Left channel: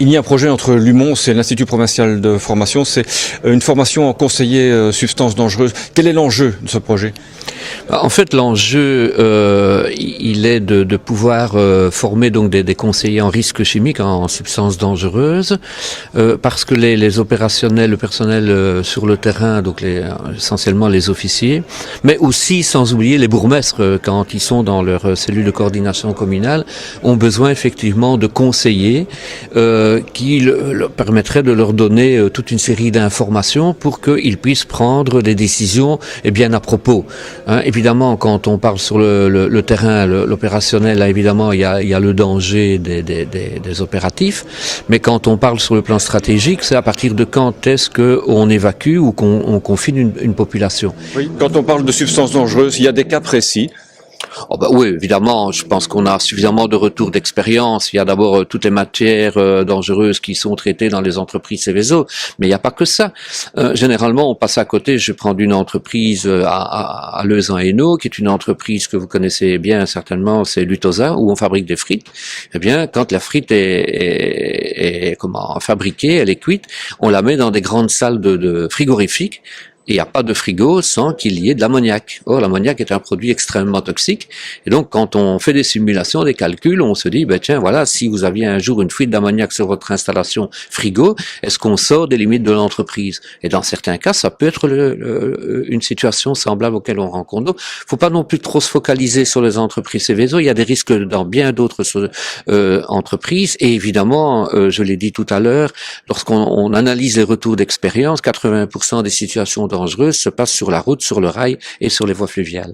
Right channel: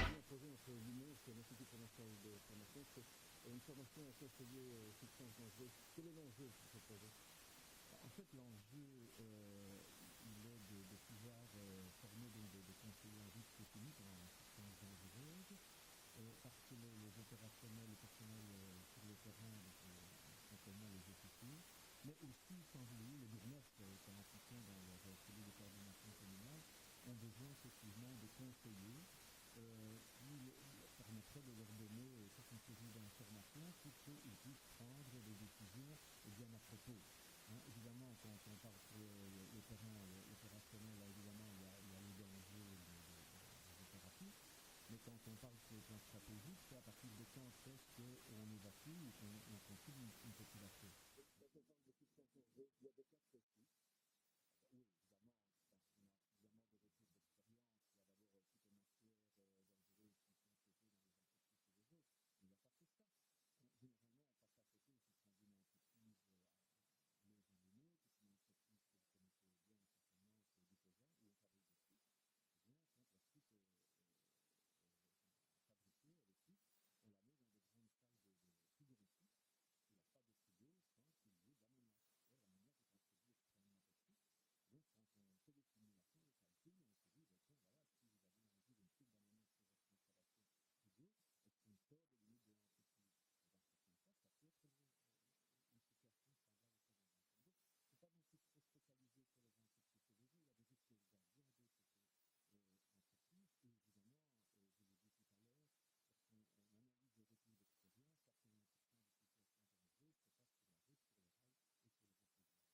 Il y a un projet entre l'UMONS et l'Institut provincial de formation, c'est une formation en conseiller substances dangereuses. Quel est l'enjeu de ce projet? En fait, l'enjeu, il est de pouvoir former donc des conseillers en risques chimiques, en substances dangereuses, parce que les opérationnels, le personnel sur le terrain, donc essentiellement les officiers, mais aussi, sans oublier, les bourgmestres, quand ils sont dans leur cellule de coordination communale, ont besoin effectivement de conseillers qui leur permettraient de leur donner toute une série d'informations pour qu'ils puissent prendre des décisions bien à propos. Évidemment, quand on parle sur le terrain, l'opérationnel, là, évidemment, il y a le danger des opératifs. Mais quand on parle sur le plan stratégique, c'est à partir de quand est-ce qu'on évacue ou qu'on confine une population. Oui, quand on parle de substances dangereuses, il y a des cas précis. Oh bah oui, évidemment, je pense qu'on a suffisamment de retours d'expérience. Il y a d'abord toutes les matières dangereuses qui sont traitées dans les entreprises Seveso, mais il n'y a pas que ça. Généralement, on passe à côté. Je prends une entreprise à Leuze-en-Hainaut, qui est une entreprise que vous connaissez bien certainement, c'est Lutosa, où on fabrique des frites. Eh bien, quand la frite est fabriquée, elle est cuite, on la met dans des grandes salles de frigorifiques. Il n'y a pas de frigo sans qu'il y ait de l'ammoniac. Or, l'ammoniac est un produit extrêmement toxique. Et donc, quand on fait des simulations, des calculs, on se dit, tiens, voilà, si vous aviez un jour une fuite d'ammoniac sur votre installation frigo, est-ce qu'on sort des limites de l'entreprise? Et dans certains cas, ça peut être une situation semblable auquel on rencontre. Donc, faut pas non plus trop se focaliser sur les entreprises Seveso. Il y a des risques dans bien d'autres entreprises. Et évidemment, je l'ai dit tout à l'heure, lorsqu'on analyse les retours d'expérience, 80% des situations dangereuses se passent sur la route, sur le rail et sur les voies fluviales.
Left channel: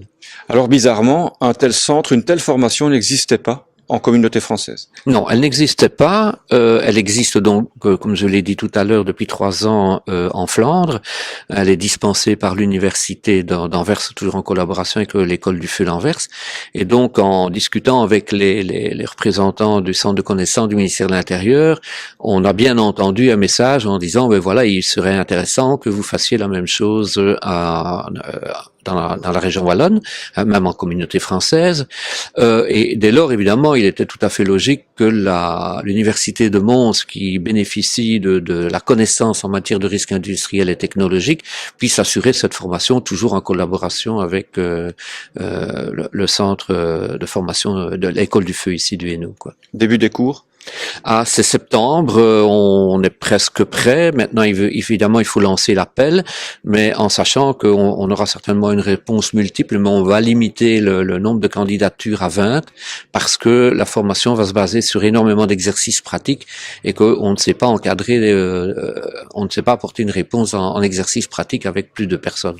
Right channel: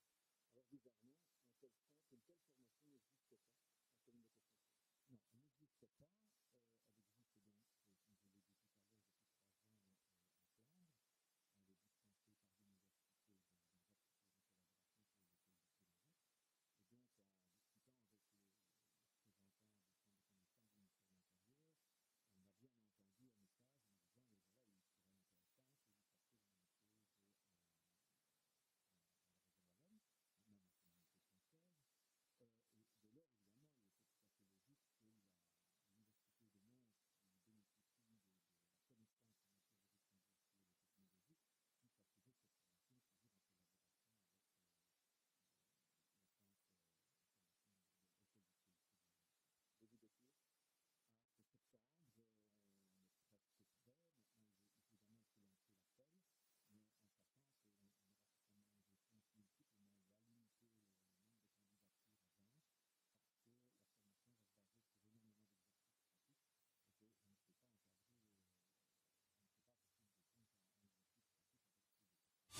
Alors bizarrement, un tel centre, une telle formation n'existait pas en communauté française. Non, elle n'existait pas. Elle existe donc, comme je l'ai dit tout à l'heure, depuis 3 ans en Flandre. Elle est dispensée par l'université d'Anvers, toujours en collaboration avec l'école du feu d'Anvers. Et donc, en discutant avec les représentants du centre de connaissances du ministère de l'Intérieur, on a bien entendu un message en disant, voilà, il serait intéressant que vous fassiez la même chose dans la région wallonne, même en communauté française. Et dès lors, évidemment, il était tout à fait logique que l'université de Mons, qui bénéficie de la connaissance en matière de risques industriels et technologiques, puisse assurer cette formation toujours en collaboration avec le centre de formation de l'école du feu ici du Hainaut, quoi. Début des cours? C'est septembre, on est presque prêt. Maintenant, évidemment, il faut lancer l'appel, mais en sachant qu'on aura certainement une réponse multiple, mais on va limiter le nombre de candidatures à 20, parce que la formation va se baser sur énormément d'exercices pratiques et qu'on ne sait pas encadrer, on ne sait pas apporter une réponse en exercice pratique avec plus de personnes.